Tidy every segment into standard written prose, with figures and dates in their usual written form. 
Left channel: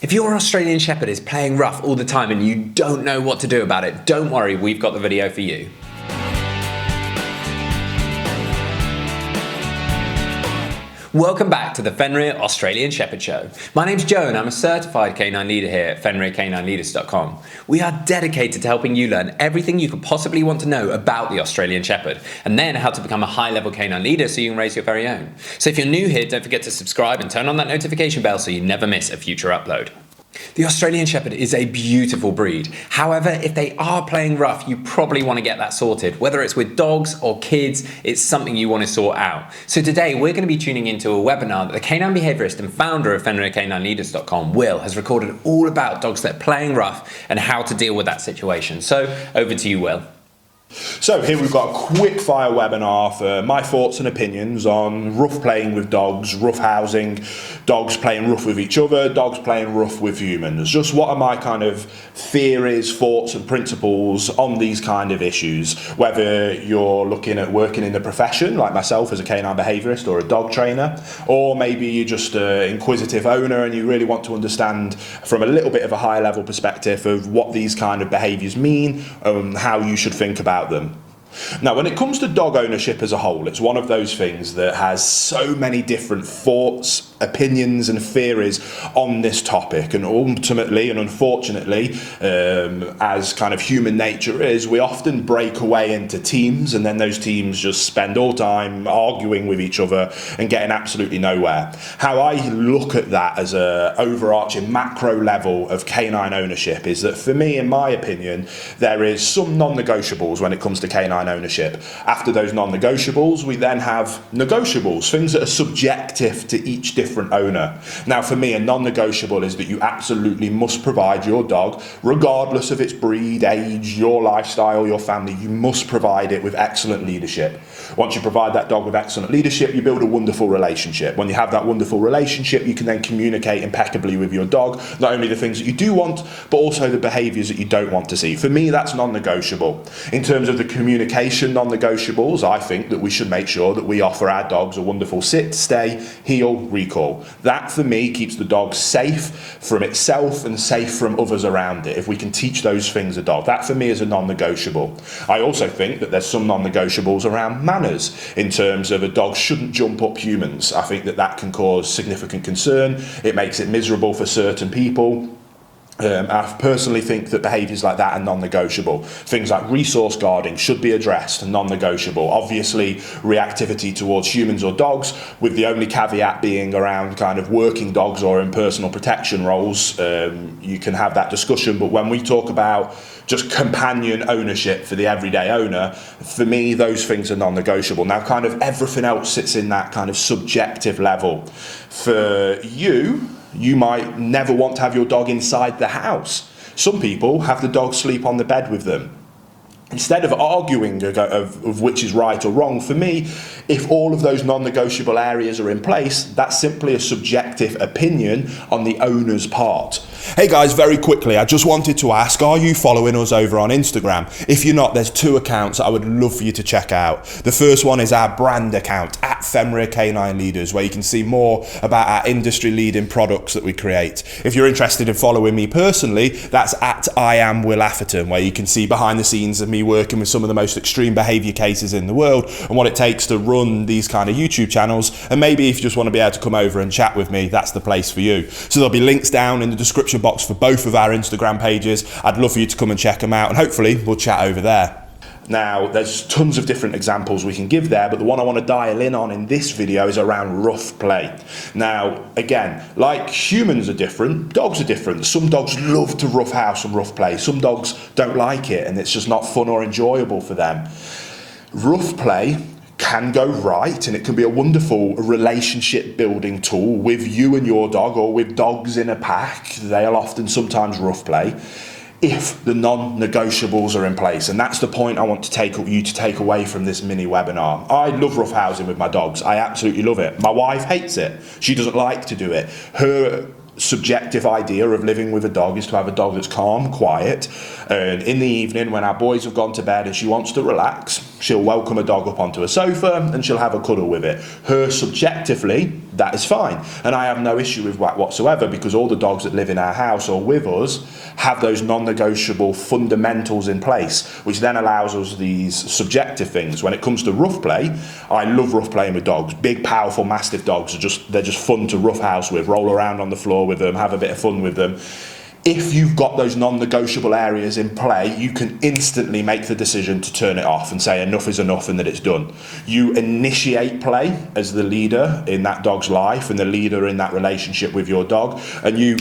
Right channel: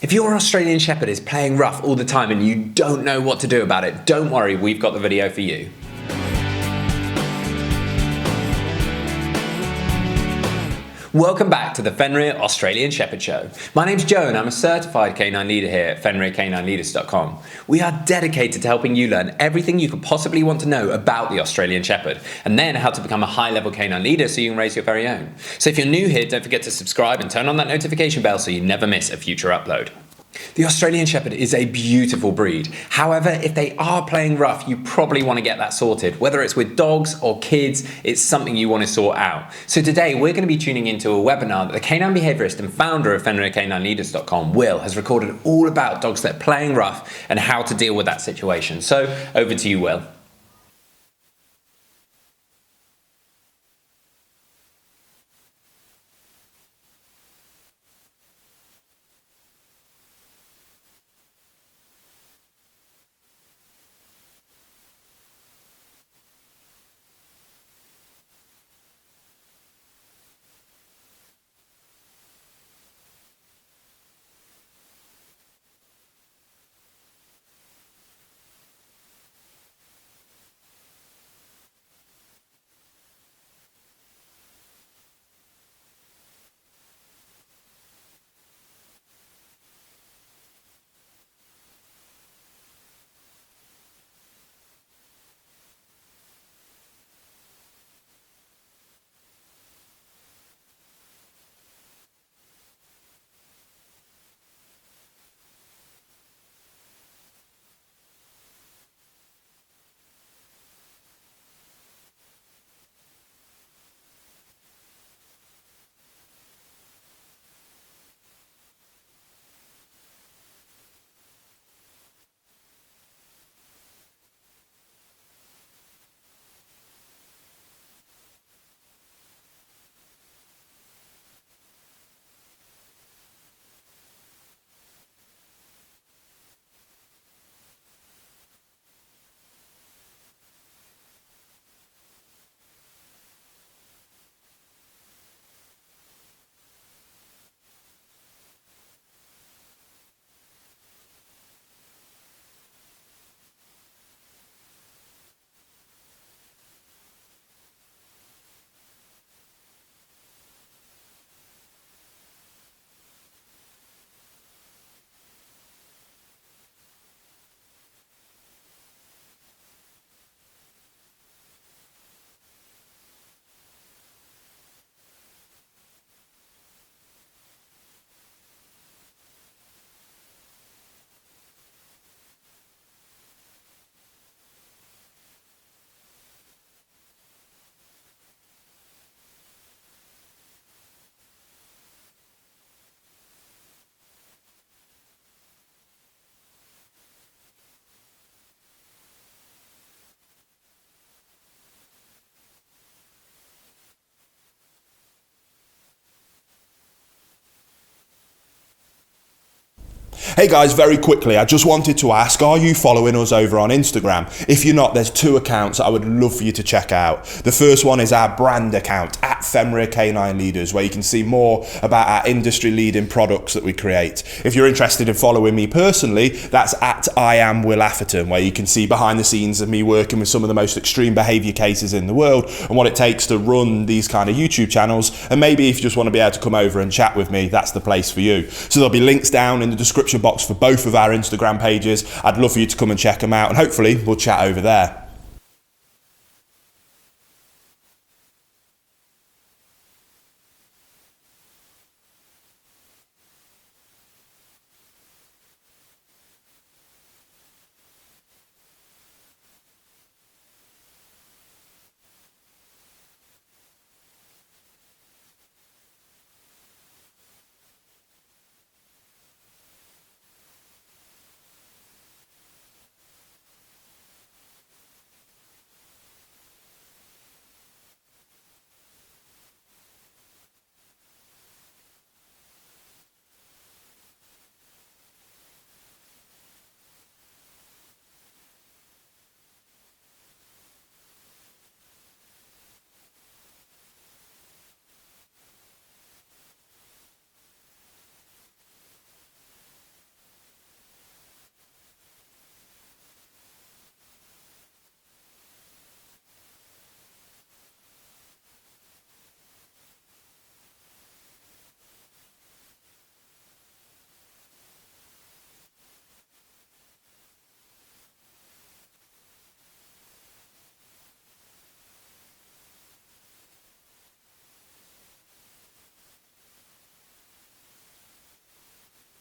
If your Australian Shepherd is playing rough all the time and you don't know what to do about it, don't worry, we've got the video for you. Welcome back to the Fenrir Australian Shepherd Show. My name's Joe and I'm a certified canine leader here at FenrirCanineLeaders.com. We are dedicated to helping you learn everything you could possibly want to know about the Australian Shepherd, and then how to become a high-level canine leader so you can raise your very own. So if you're new here, don't forget to subscribe and turn on that notification bell so you never miss a future upload. The Australian Shepherd is a beautiful breed. However, if they are playing rough, you probably want to get that sorted. Whether it's with dogs or kids, it's something you want to sort out. So today we're going to be tuning into a webinar that the canine behaviourist and founder of FenrirCanineLeaders.com, Will, has recorded all about dogs that are playing rough and how to deal with that situation. So over to you, Will. So here we've got a quick fire webinar for my thoughts and opinions on rough playing with dogs, rough housing, dogs playing rough with each other, dogs playing rough with humans. Just what are my kind of theories, thoughts and principles on these kind of issues, whether you're looking at working in the profession like myself as a canine behaviourist or a dog trainer, or maybe you're just an inquisitive owner and you really want to understand from a little bit of a high level perspective of what these kind of behaviours mean and how you should think about them. Now, when it comes to dog ownership as a whole, it's one of those things that has so many different thoughts, opinions and theories on this topic, and ultimately and unfortunately, as kind of human nature is, we often break away into teams, and then those teams just spend all time arguing with each other and getting absolutely nowhere. How I look at that as a overarching macro level of canine ownership is that, for me, in my opinion, there is some non-negotiables when it comes to canine ownership. After those non-negotiables, we then have negotiables, things that are subjective to each different owner. Now, for me, a non-negotiable is that you absolutely must provide your dog, regardless of its breed, age, your lifestyle, your family, you must provide it with excellent leadership. Once you provide that dog with excellent leadership, you build a wonderful relationship. When you have that wonderful relationship, you can then communicate impeccably with your dog, not only the things that you do want, but also the behaviours that you don't want to see. For me, that's non-negotiable. In terms of the communication non-negotiables, I think that we should make sure that we offer our dogs a wonderful sit, stay, heel, recall. That, for me, keeps the dog safe from itself and safe from others around it. If we can teach those things a dog, that for me is a non-negotiable. I also think that there's some non-negotiables around manners, in terms of a dog shouldn't jump up humans. I think that that can cause significant concern. It makes it miserable for certain people. I personally think that behaviours like that are non-negotiable. Things like resource guarding should be addressed, non-negotiable. Obviously, reactivity towards humans or dogs, with the only caveat being around kind of working dogs or in personal protection roles. You can have that discussion, but when we talk about just companion ownership for the everyday owner, for me, those things are non-negotiable. Now, kind of everything else sits in that kind of subjective level. For you might never want to have your dog inside the house. Some people have the dog sleep on the bed with them. Instead of arguing of which is right or wrong, for me, if all of those non-negotiable areas are in place, that's simply a subjective opinion on the owner's part. Hey guys, very quickly, I just wanted to ask, are you following us over on Instagram? If you're not, there's two accounts that I would love for you to check out. The first one is our brand account, at Fenrir Canine Leaders, where you can see more about our industry-leading products that we create. If you're interested in following me personally, that's at I am Will Atherton, where you can see behind the scenes of me working with some of the most extreme behaviour cases in the world and what it takes to run these kind of YouTube channels. And maybe if you just want to be able to come over and chat with me, that's the place for you. So there'll be links down in the description box for both of our Instagram pages. I'd love for you to come and check them out, and hopefully we'll chat over there. Now, there's tons of different examples we can give there, but the one I want to dial in on in this video is around rough play. Now, again, like humans are different, dogs are different. Some dogs love to rough house and rough play. Some dogs don't like it, and it's just not fun or enjoyable for them. Rough play can go right, and it can be a wonderful relationship building tool with you and your dog, or with dogs in a pack. They'll often sometimes rough play, if the non-negotiables are in place. And that's the point I want to take away from this mini webinar. I love rough housing with my dogs. I absolutely love it. My wife hates it. She doesn't like to do it. Her subjective idea of living with a dog is to have a dog that's calm, quiet, and in the evening when our boys have gone to bed and she wants to relax, She'll welcome a dog up onto a sofa and she'll have a cuddle with it. Her subjectively, that is fine. And I have no issue with that whatsoever, because all the dogs that live in our house or with us have those non-negotiable fundamentals in place, which then allows us these subjective things. When it comes to rough play, I love rough playing with dogs. Big, powerful, mastiff dogs they're just fun to roughhouse with, roll around on the floor with them, have a bit of fun with them. If you've got those non-negotiable areas in play, you can instantly make the decision to turn it off and say enough is enough and that it's done. You initiate play as the leader in that dog's life and the leader in that relationship with your dog, and you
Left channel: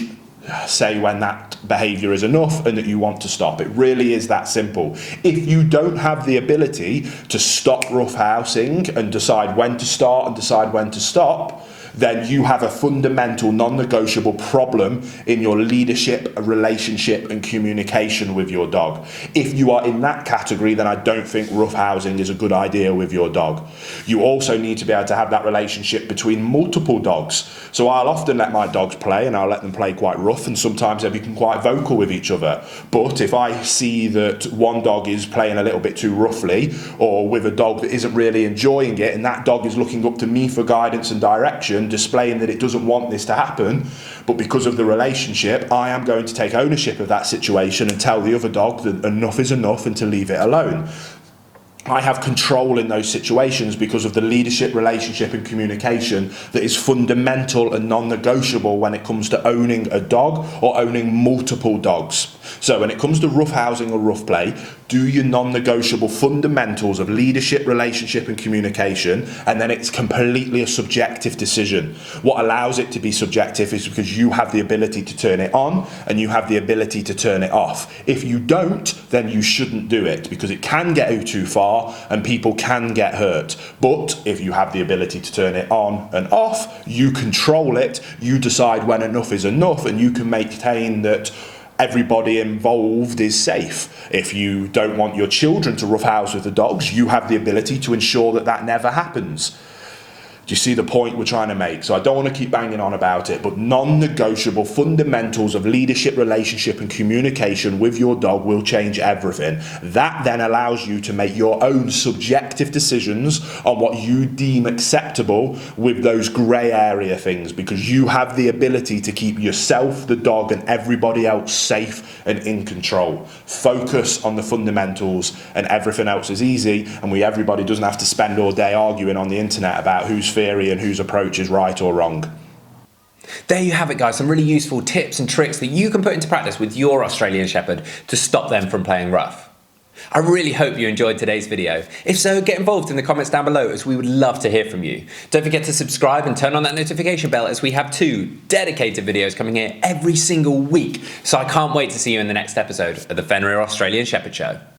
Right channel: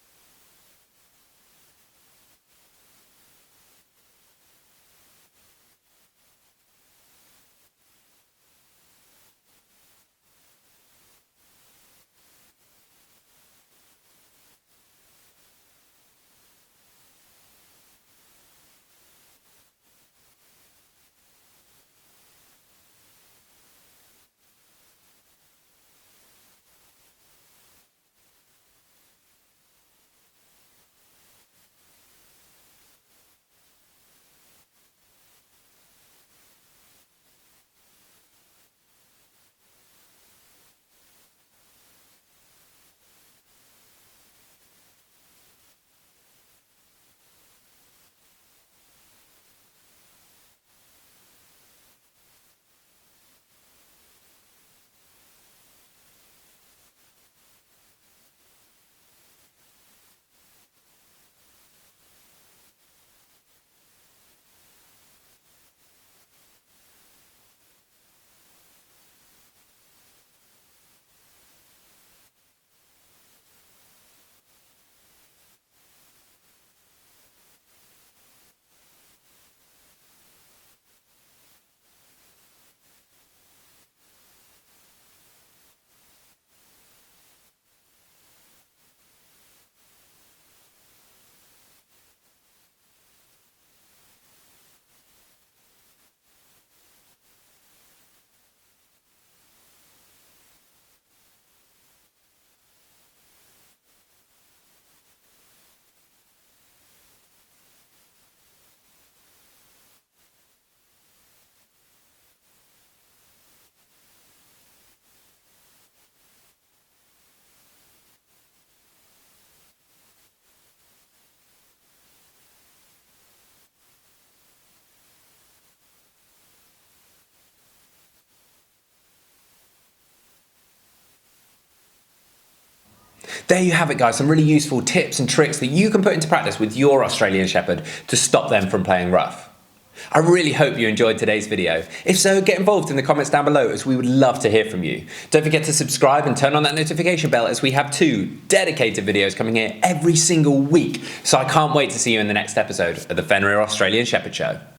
say when that behaviour is enough and that you want to stop. It really is that simple. If you don't have the ability to stop roughhousing and decide when to start and decide when to stop, then you have a fundamental, non-negotiable problem in your leadership, relationship and communication with your dog. If you are in that category, then I don't think roughhousing is a good idea with your dog. You also need to be able to have that relationship between multiple dogs. So I'll often let my dogs play, and I'll let them play quite rough, and sometimes they become quite vocal with each other. But if I see that one dog is playing a little bit too roughly, or with a dog that isn't really enjoying it, and that dog is looking up to me for guidance and direction, displaying that it doesn't want this to happen, but because of the relationship, I am going to take ownership of that situation and tell the other dog that enough is enough and to leave it alone. I have control in those situations because of the leadership, relationship and communication that is fundamental and non-negotiable when it comes to owning a dog or owning multiple dogs. So when it comes to roughhousing or rough play, do your non-negotiable fundamentals of leadership, relationship and communication, and then it's completely a subjective decision. What allows it to be subjective is because you have the ability to turn it on and you have the ability to turn it off. If you don't, then you shouldn't do it, because it can get too far and people can get hurt. But if you have the ability to turn it on and off, you control it, you decide when enough is enough, and you can maintain that everybody involved is safe. If you don't want your children to roughhouse with the dogs, you have the ability to ensure that that never happens. Do you see the point we're trying to make? So I don't want to keep banging on about it, but non-negotiable fundamentals of leadership, relationship and communication with your dog will change everything. That then allows you to make your own subjective decisions on what you deem acceptable with those grey area things, because you have the ability to keep yourself, the dog and everybody else safe and in control. Focus on the fundamentals and everything else is easy, and everybody doesn't have to spend all day arguing on the internet about whose theory and whose approach is right or wrong. There you have it, guys. Some really useful tips and tricks that you can put into practice with your Australian Shepherd to stop them from playing rough. I really hope you enjoyed today's video. If so, get involved in the comments down below, as we would love to hear from you. Don't forget to subscribe and turn on that notification bell, as we have 2 dedicated videos coming here every single week. So I can't wait to see you in the next episode of the Fenrir Australian Shepherd Show.